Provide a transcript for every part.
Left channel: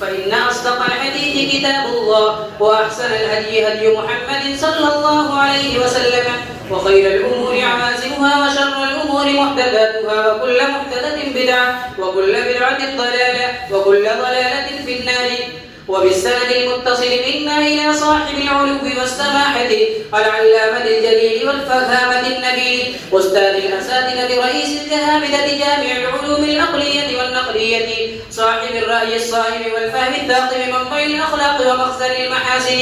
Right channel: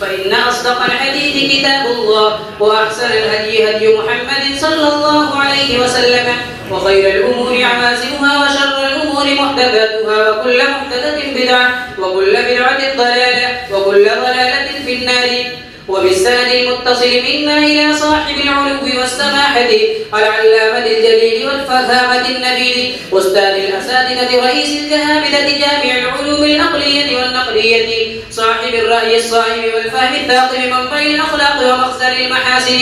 فإن أصدق الحديث كتاب الله وأحسن الهدي هدي محمد صلى الله عليه وسلم وخير الأمور عوازمها وشر الأمور محدثاتها وكل محدثة بدعة وكل بدعة ضلالة وكل ضلالة في النار. وبالسند المتصل منا إلى صاحب العلو والسماحة العلامة الجليل والفهامة النبيل أستاذ الأساتذة رئيس الجهابذة جامع العلوم العقلية والنقلية صاحب الرأي الصائب والفهم الثاقب منبع الأخلاق ومخزن المحاسن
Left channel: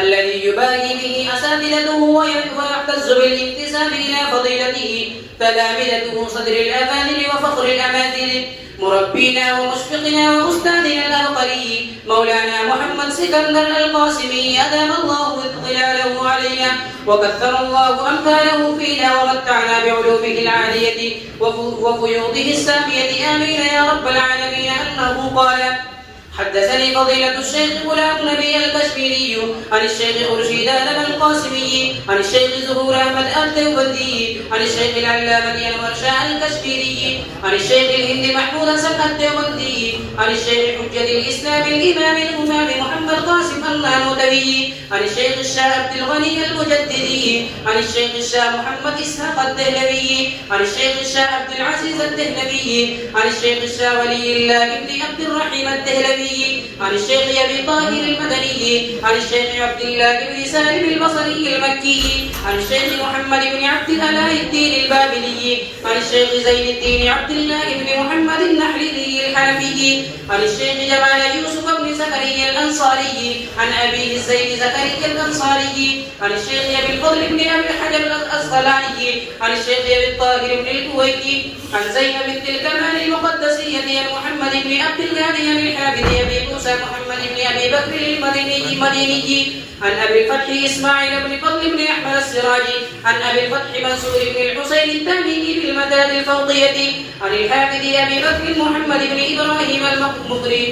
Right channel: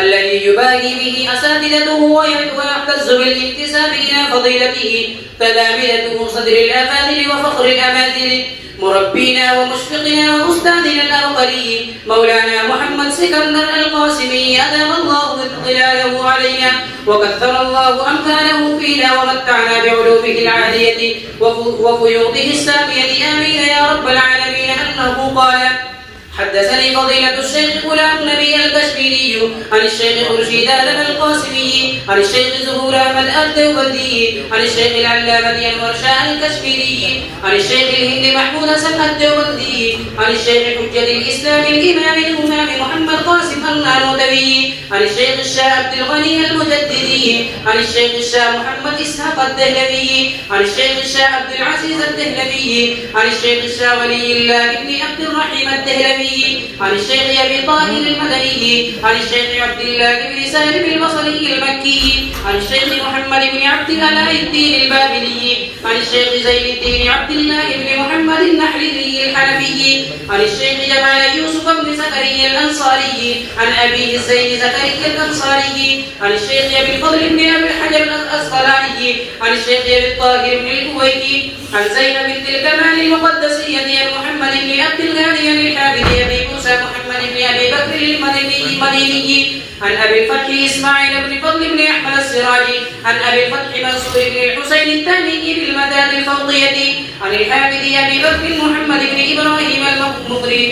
الذي يباهي به أساتذته ويعتز بالانتساب إلى فضيلته تلامذته صدر الأفاضل وفخر الأماثل مربينا ومشفقنا وأستاذنا الأبقري مولانا محمد سكندر القاسمي أدام الله ظلاله علينا وكثر الله أمثاله فينا ومتعنا بعلومه العالية وفيوضه السامية آمين يا رب العالمين. أنه قال: حدثني فضيلة الشيخ غلام نبي الكشميري عن الشيخ خرشيد آدم القاسمي عن الشيخ زهور أحمد الدوبندي عن الشيخ العلامة أنور شاه الكشميري عن الشيخ الهند محمود حسن الدوبندي عن الشيخ حجة الإسلام الإمام الإمام محمد قاسم النانوتوي عن الشيخ الشاه عبد الغني المجددي عن الشيخ الشاه محمد إسحاق الدهلوي عن الشيخ الشاه عبد العزيز الدهلوي عن الشيخ الشاه ولي الله بن عبد الرحيم الدهلوي عن الشيخ أبي طاهر المدني عن الشيخ عبد الله بن سالم البصري المكي عن الشيخ محمد بن عبد الألاء الدين البابلي عن الشيخ زين الدين عبد الله بن محمد النحري الحنفي عن الشيخ جمال يوسف بن زكريا الأنصاري عن أبيه زين زكريا الأنصاري عن الشيخ أبي الفضل بن أبي الحجر الأسقلاني عن الشيخ أبي الطاهر بن الكويتي عن زينب بنت الكمال المقدسية محمد بن عبد الغني الحافظ أبي موسى محمد بن أبي بكر المديني عن أبي الفتح إسماعيل بن فضل بن أحمد السراجي عن أبي الفتح منصور بن الحسين التاني بالمداد الفوضية عن الحافظ أبي بكر محمد بن إبراهيم المقري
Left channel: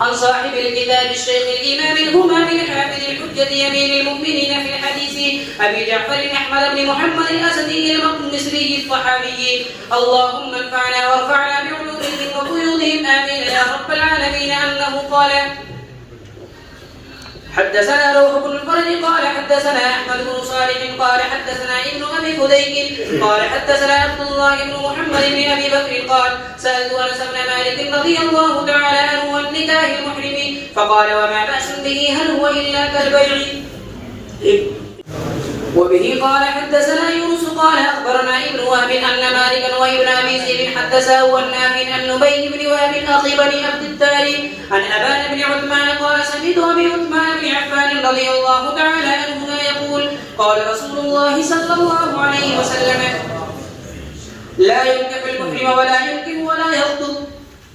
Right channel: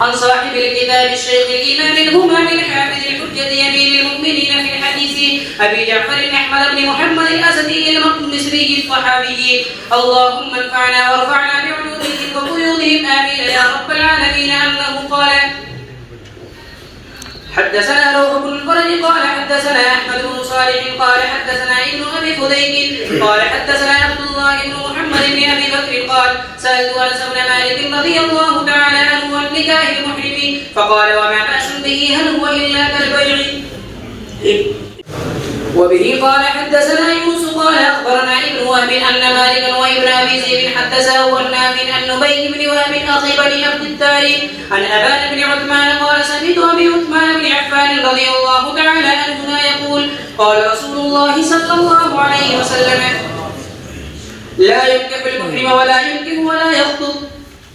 عن صاحب الكتاب الشيخ الإمام الهمام الحافظ الحجة أمير المؤمنين في الحديث أبي جعفر أحمد بن محمد الأسدي المصري الصحابي. اللهم انفعنا وارفعنا بعلومهم وقيودهم آمين يا رب العالمين. أنه قال: حدثنا روح بن الفرج قال حدثنا أحمد بن صالح قال حدثنا ابن أبي فديك قال حدثنا عبد الله بن محمد بن أبي بكر قال: سألت أنس بن مالك رضي الله تعالى عنه عن نكاح المحرم فقال: وما بأس به هل هو إلا كالبيع. وبه قال حدثنا يونس قال أخبرنا ابن وهب أن مالكا وابن أبي زيد حدثه عن نافع عن نبي بن وهب أخي بني عبد الداري عن أبان بن عثمان قال: سمعت أبي عثمان بن عفان رضي الله تعالى عنهما يقول: قال رسول الله صلى الله عليه وسلم: لا ينكح المحرم ولا ينكح ولا يخطب.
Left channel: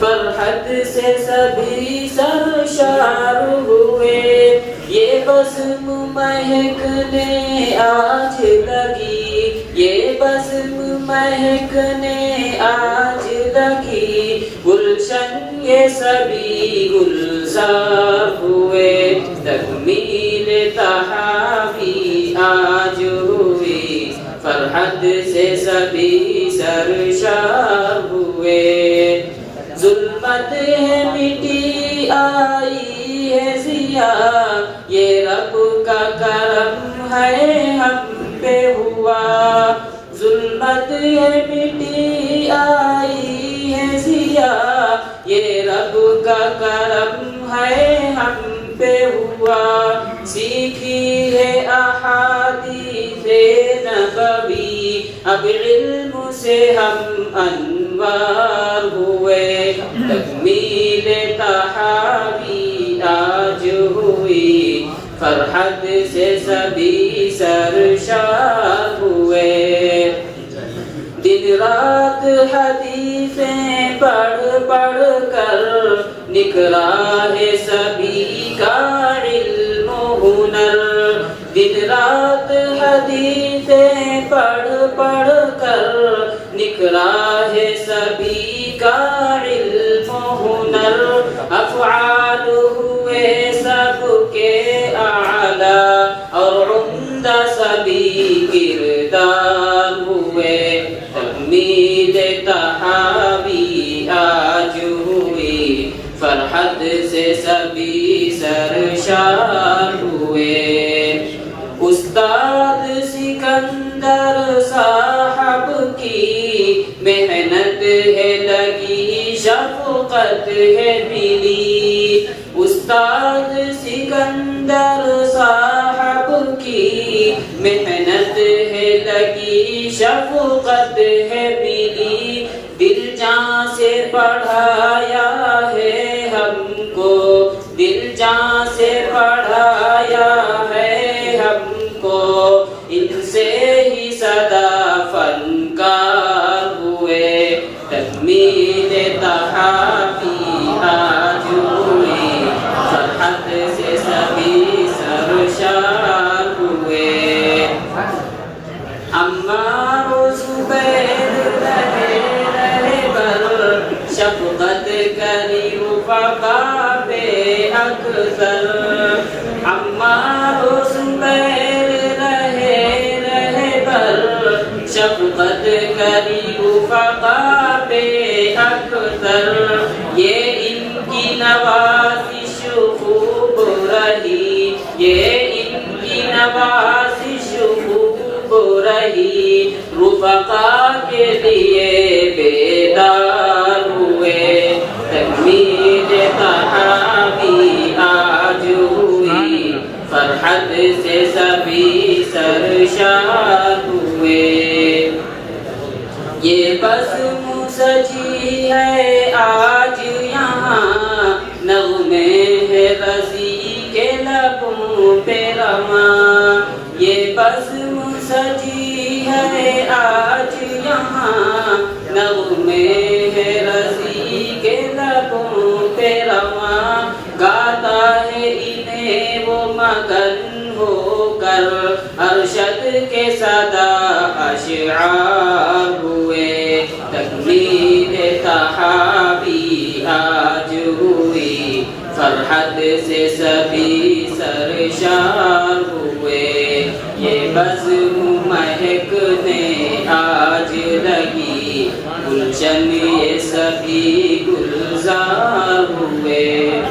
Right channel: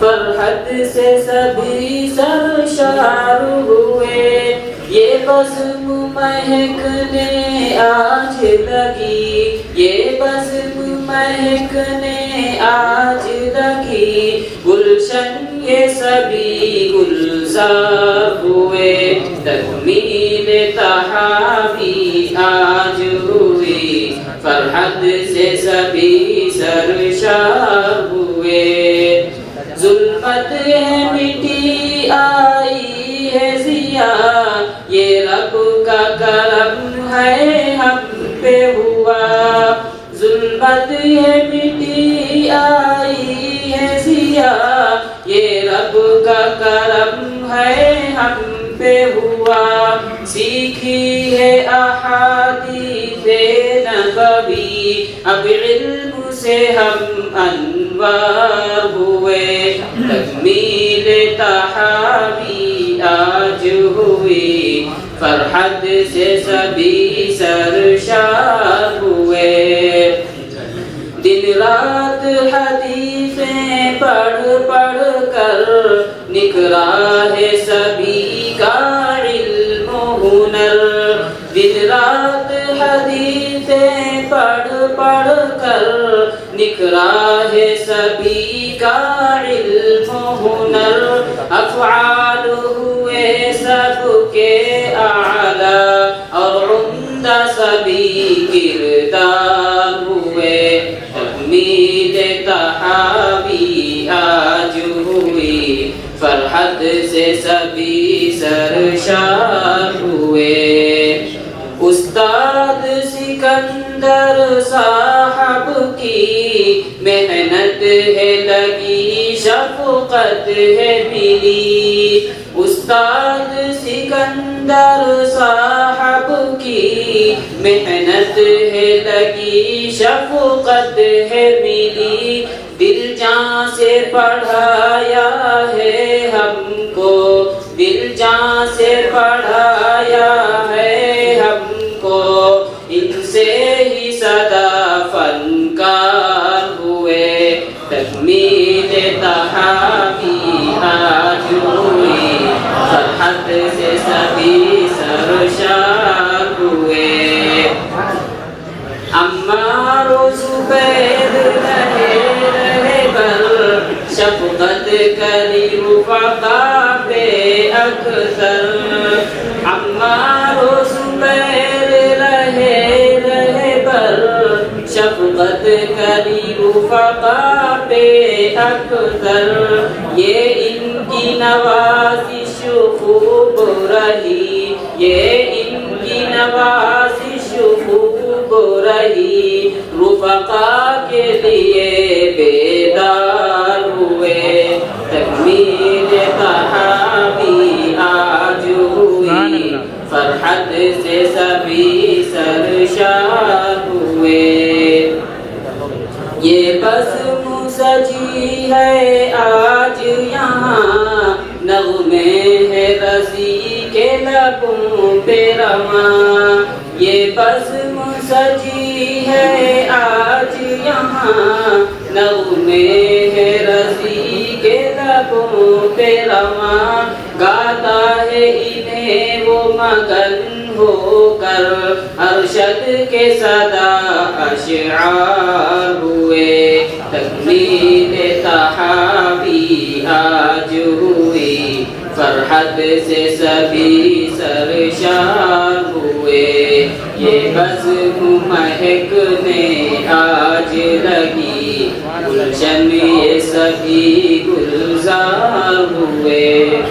فرحت سے سبھی سرشار ہوئے، یہ بزم مہکنے آج لگی، یہ بزم مہکنے آج لگی، گلشن یہ سبھی گلزار ہوئے، تکمیل تحابی آج ہوئی، فرحت سے سبھی سرشار ہوئے، ظلمت ہے مٹی آئی ہے ضیاء، یہ رب کا کرم ہے ہم پہ ہوا، ظلمت ہے مٹی آئی ہے ضیاء، یہ رب کا کرم ہے ہم پہ ہوا، سیکھی ہے احادیث نبوی، اب علم سے ہم انوار ہوئے، تکمیل تحابی آج ہوئی، فرحت سے سبھی سرشار ہوئے، دن رات حدیثیں پڑھ پڑھ کر نکھرا ہے سبھی کا علم و ہنر، دن رات حدیثیں پڑھ پڑھ کر نکھرا ہے سبھی کا علم و ہنر، افعال ہوئے سب کے اعلیٰ اور عمدہ سبھی کردار ہوئے، تکمیل تحابی آج ہوئی، فرحت سے سبھی سرشار ہوئے، استاد سکندر صاحب کی محنت ہے لگی، شفقت ہے ملی، استاد سکندر صاحب کی محنت ہے لگی، شفقت ہے ملی، دل جان سے پڑھایا ہے ہم کو، دل جان سے پڑھایا ہے ہم کو، ان سے ہی سدا فنکار ہوئے، تکمیل تحابی آج ہوئی، فرحت سے سبھی سرشار ہوئے، عمار و زبیر رہے بر شفقت کری رفقا پہ اکثر، عمار و زبیر رہے بر شفقت کری رفقا پہ اکثر، یہ ان کی نوازش خوب رہی، یہ ان کی نوازش خوب رہی، رفقا کے لیے بیدار ہوئے، تکمیل تحابی آج ہوئی، فرحت سے سبھی سرشار ہوئے، یہ بزم سجی ہے آج یہاں، نغمے ہے رضی کے لبوں پہ رواں، یہ بزم سجی ہے آج یہاں، نغمے ہے رضی کے لبوں پہ رواں، گاتا ہے انہیں وہ مگن ہو کر، ارشد کے صدا اشعار ہوئے، تکمیل تحابی آج ہوئی، فرحت سے سبھی سرشار ہوئے، یہ بزم مہکنے آج لگی، گلشن یہ سبھی گلزار ہوئے۔